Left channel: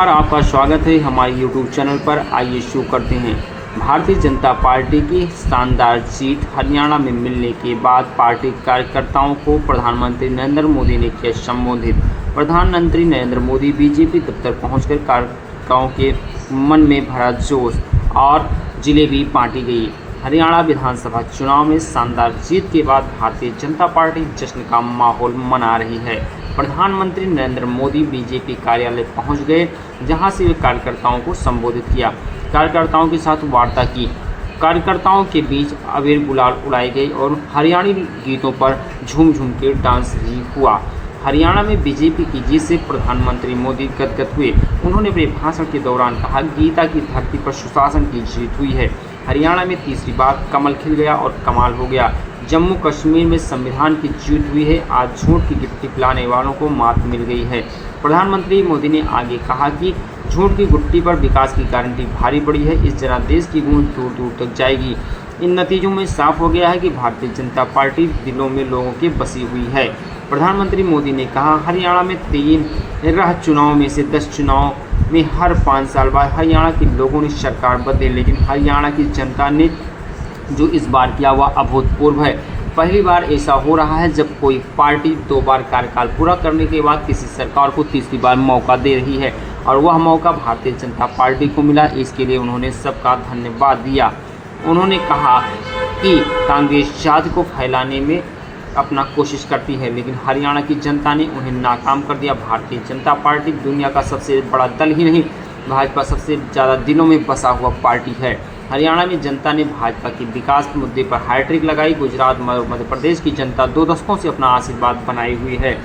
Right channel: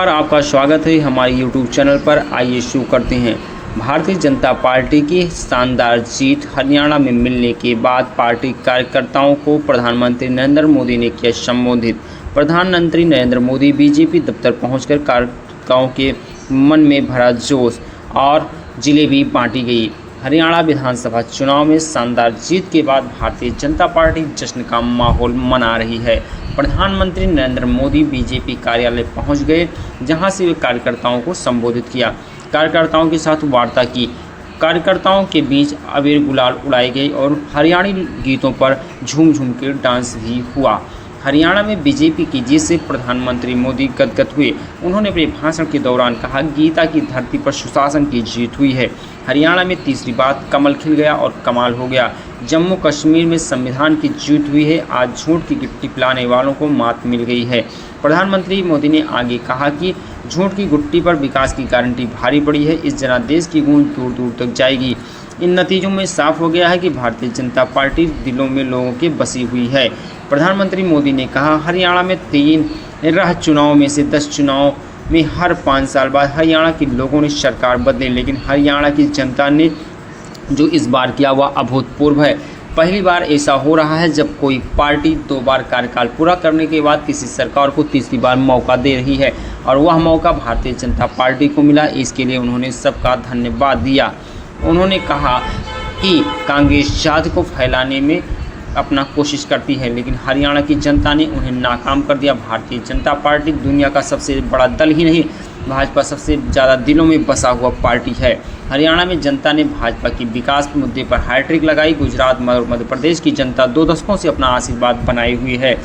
और आपका स्वागत है हमारे YouTube चैनल पर। आइए शुरू करते हैं। भारतीय जनता पार्टी की शानदार जीत। हरियाणा में मिलने के बाद पार्टी कार्यकर्ताओं को प्रधानमंत्री नरेंद्र मोदी ने किया संबोधित। प्रधानमंत्री नरेंद्र मोदी बीजेपी दफ्तर पहुंचकर कार्यकर्ताओं के मन में भरा जोश और जिलेबी बांटी गई। हरियाणा विधानसभा चुनाव में शानदार जीत के बाद भारतीय जनता पार्टी जश्न का माहौल मना रही है। प्रधानमंत्री नरेंद्र मोदी बीजेपी कार्यालय पहुंच गए, जहां से वे कार्यकर्ताओं को संबोधित किया, कार्यकर्ताओं के साथ वार्ता की। कार्यकर्ताओं के बीच अबीर गुलाल उड़ाए गए और हरियाणवी गीतों पर झूम झूम के डांस भी हुआ। हरियाणा में बीजेपी की जीत से प्रधानमंत्री मोदी गदगद हुए। उन्होंने अपने भाषण के दौरान कहा, गीता की धरती पर सुशासन की जीत हुई है। हरियाणा में तीसरी बार कमल खिल गया और कमाल हो गया। जम्मू कश्मीर में संविधान की जीत हुई है। आज झूठ की गिट्टी पिलाने वालों को मात मिल गई है। प्रधानमंत्री मोदी ने आगे कहा कि झूठ की गुट्टी पर विकास की गारंटी भारी पड़ी है। इस जनादेश की गूंज दूर दूर तक जाएगी। इन नतीजों में साफ हो गया है कि भारतीय जनता पार्टी दिलों में लोगों के बसी हुई है। प्रधानमंत्री मोदी ने कहा, हरियाणा में 3 चुनाव में से 10 चुनाव में हर 5 साल बाद हरियाणा के लोगों ने सरकार बदले, लेकिन हरियाणा की जनता ने जो इस बार किया वह अभूतपूर्व है। पहली बार ऐसा हो रहा है जब कोई पार्टी 2 बार कार्यकाल पूरा करने के बाद किसी सरकार को तीसरी बार मौका दे रही है, और वह मौका भारतीय जनता पार्टी को मिला। इसके लिए उन्होंने सबका धन्यवाद दिया। उन्होंने कहा कि कांग्रेस जाति को फैलाने में अपना कोशिश करती है, लेकिन हरियाणा की जनता ने उन्हें नाकाम कर दिया। भारतीय जनता पार्टी दुनिया का सबसे बड़ा दल ही नहीं, भाजपा सबसे ज़्यादा दिलों में बसा हुआ पार्टी है। हरियाणा में जनता ने भाजपा की विकास मुद्दे पर हैट्रिक लगाई। गुजरात और मध्य प्रदेश की जनता 2 दशकों से अपना आशीर्वाद बनाई हुई है।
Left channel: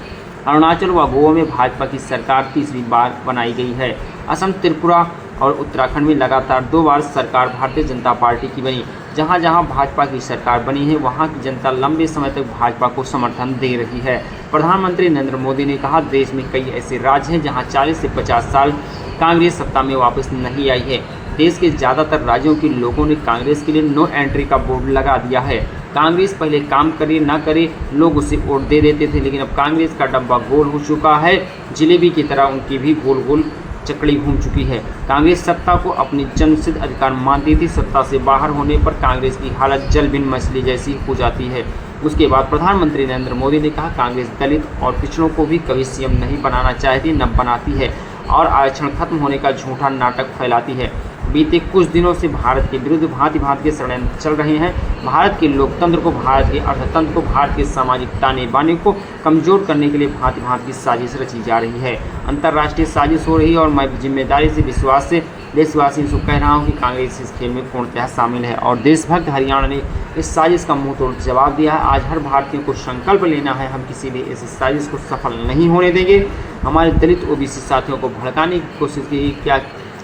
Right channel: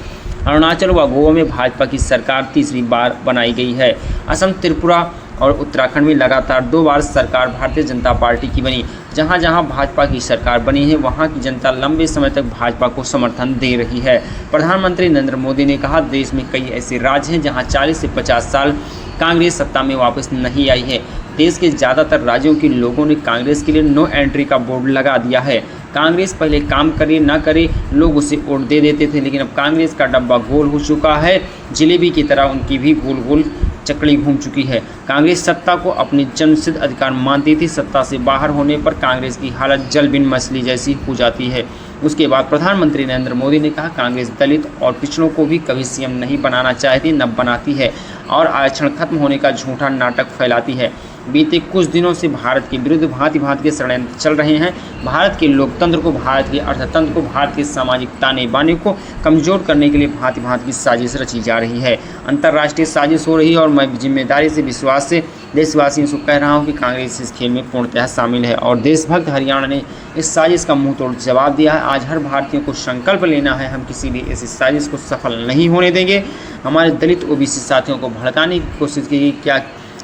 अरुणाचल व गोवा में भाजपा की सरकार तीसरी बार बनाई गई है। असम, त्रिपुरा और उत्तराखंड में लगातार 2 बार सरकार भारतीय जनता पार्टी की बनी। जहां जहां भाजपा की सरकार बनी है, वहां की जनता लंबे समय तक भाजपा को समर्थन दे रही है। प्रधानमंत्री नरेंद्र मोदी ने कहा, देश में कई ऐसे राज्य हैं जहां 40 से 50 साल कांग्रेस सत्ता में वापस नहीं आई है। देश के ज़्यादातर राज्यों के लोगों ने कांग्रेस के लिए नो एंट्री का बोर्ड लगा दिया है। कांग्रेस पहले काम करे ना करे लोग उसे वोट दे देते थे, लेकिन अब कांग्रेस का डब्बा गोल हो चुका है। जिलेबी की तरह उनकी भी गोल गोल चकड़ी घूम चुकी है। कांग्रेस सत्ता को अपनी जन्मसिद्ध अधिकार मानती थी। सत्ता से बाहर होने पर कांग्रेस की हालत जल बिन मछली जैसी हो जाती है। उसके बाद प्रधानमंत्री नरेंद्र मोदी ने कहा, कांग्रेस दलित और पिछड़ों को भी कभी सीएम नहीं बनाना चाहती, न बनाती है, और आरक्षण खत्म होने का झूठा नाटक फैलाती है। बीते कुछ दिनों से भारत के विरुद्ध भांति भांति के षड्यंत्र चल रहे हैं। भारत के लोकतंत्र को, भारत के अर्थतंत्र को, भारत के सामाजिक ताने बाने को कमजोर करने के लिए भांति भांति की साजिश रची जा रही है। अंतर्राष्ट्रीय साजिश हो रही है, और मैं जिम्मेदारी से विश्वास से देशवासियों से कह रहा हूं कि कांग्रेस इस खेल में पूर्णतः शामिल है, और देशभक्त हरियाणा ने इस साजिश का मुंह तोड़ जवाब दिया है। आज हर भारतीय को संकल्प लेना है, हम किसी भी ऐसी साजिश को सफल नहीं होने देंगे। हमारे दलित ओबीसी साथियों को भड़काने की कोशिश की,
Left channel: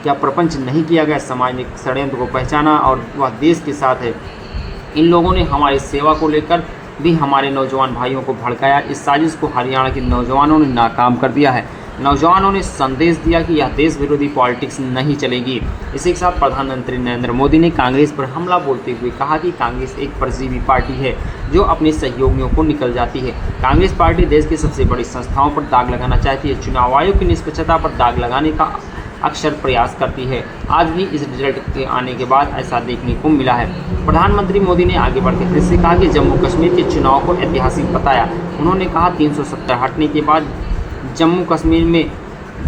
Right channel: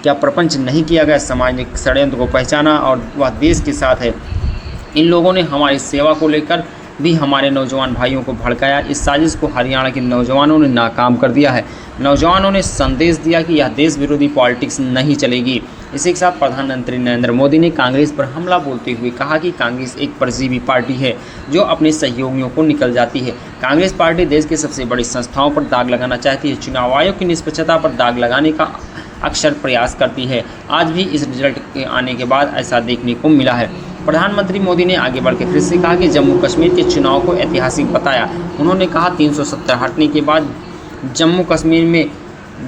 क्या प्रपंच नहीं किया गया। समाज ने षड्यंत्र को पहचाना और वह देश के साथ है। इन लोगों ने हमारी सेवा को लेकर भी हमारे नौजवान भाइयों को भड़काया। इस साजिश को हरियाणा के नौजवानों ने नाकाम कर दिया है। नौजवानों ने संदेश दिया कि यह देश विरोधी पॉलिटिक्स नहीं चलेगी। इसी के साथ प्रधानमंत्री नरेंद्र मोदी ने कांग्रेस पर हमला बोलते हुए कहा कि कांग्रेस एक परजीवी पार्टी है जो अपने सहयोगियों को निकल जाती है। कांग्रेस पार्टी देश की सबसे बड़ी संस्थाओं पर दाग लगाना चाहती है। चुनाव आयोग की निष्पक्षता पर दाग लगाने का अक्सर प्रयास करती है। आज भी इस रिजल्ट के आने के बाद ऐसा देखने को मिला है। प्रधानमंत्री मोदी ने आगे बढ़कर फिर से कहा कि जम्मू कश्मीर के चुनाव को ऐतिहासिक बताया। उन्होंने कहा, 370 हटने के बाद जम्मू कश्मीर में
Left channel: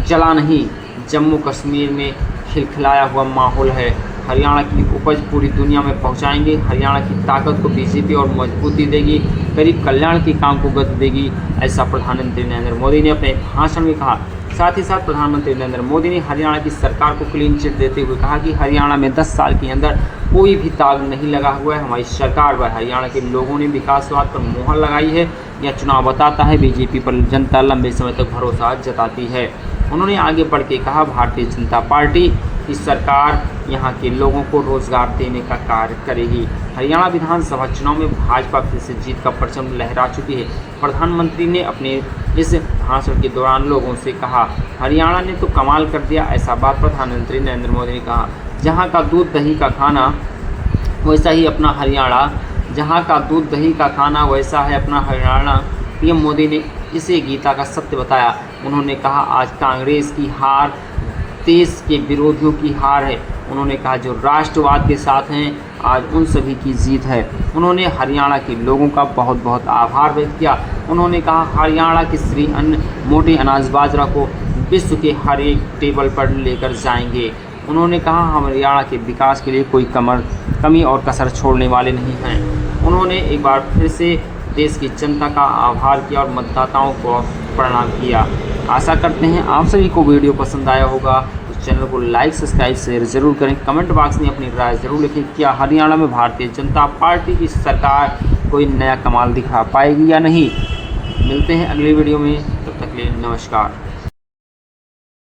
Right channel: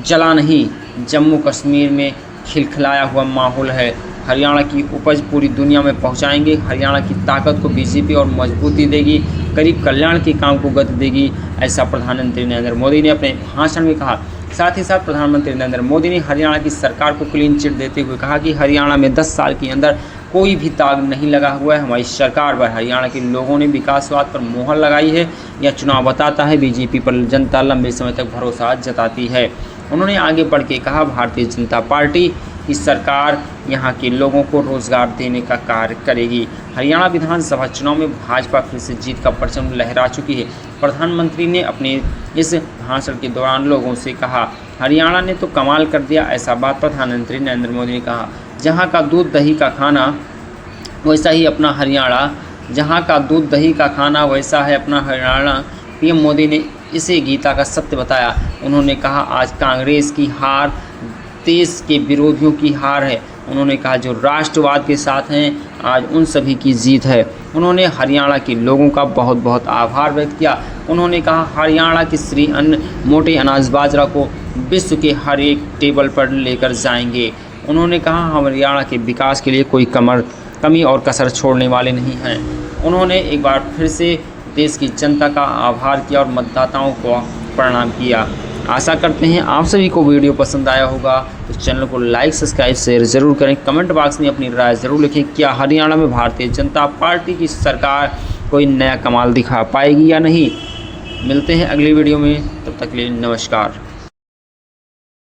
जला नहीं, जम्मू कश्मीर में खिलखिलाया हुआ माहौल है। हरियाणा की उपज पूरी दुनिया में पहुंचाएंगे। हरियाणा की ताकत को बीजेपी और मजबूती देगी, गरीब कल्याण के काम को गति देगी, ऐसा प्रधानमंत्री नरेंद्र मोदी ने अपने भाषण में कहा। साथ ही साथ प्रधानमंत्री नरेंद्र मोदी ने हरियाणा की सरकार को क्लीन चिट देते हुए कहा कि हरियाणा में 10 साल के अंदर कोई भी दाग नहीं लगा हुआ है। हमारी सरकार पर हरियाणा के लोगों ने विकासवाद पर मोहर लगाई है। यह चुनाव बताता है बीजेपी पर जनता लंबे समय तक भरोसा जताती है। उन्होंने आगे बढ़ के कहा, भारतीय जनता पार्टी की सरकार यहाँ के लोगों को रोजगार देने का कार्य करेगी। हरियाणा विधानसभा चुनाव में भाजपा फिर से जीत का परचम लहरा चुकी है। प्रधानमंत्री ने अपने इस भाषण के दौरान लोगों से कहा, हरियाणा ने तो कमाल कर दिया। ऐसा बात प्रधानमंत्री नरेंद्र मोदी ने कहा। जहाँ का दूध दही का खाना वैसा ही अपना हरियाणा, जहाँ का दूध दही का खाना वैसा है अपना हरियाणा। पीएम मोदी ने इसे गीता का सत्य बताया। उन्होंने कहा, आज कांग्रेस की हार देश के विरोधियों की हार है। उन्होंने कहा जो राष्ट्रवाद के साथ हैं आज उन सभी की जीत है। उन्होंने हरियाणा के लोगों का बहुत बहुत आभार व्यक्त किया। उन्होंने कहा हरियाणा के श्री अन्न मोटे अनाज बाजरा को विश्व के हर एक टेबल पर लेकर जाएंगे। उन्होंने कहा हम हरियाणा के विकास के लिए कोई कमी और कसर छोड़ने वाले नहीं हैं। उन्होंने एक बार फिर से देश की जनता का आभार किया और मतदाताओं को प्रणाम किया। आशा करते हैं आप सभी को वीडियो पसंद आया होगा। तो चैनल को लाइक सब्सक्राइब शेयर ज़रूर करें। कमेंट बॉक्स में अपनी राय ज़रूर लिखें। क्या हरियाणा में भारतीय जनता पार्टी की सरकार कोई नया कमाल दिखा पाएगी या नहीं। मिलते हैं अगली वीडियो में, तब तक के लिए नमस्कार।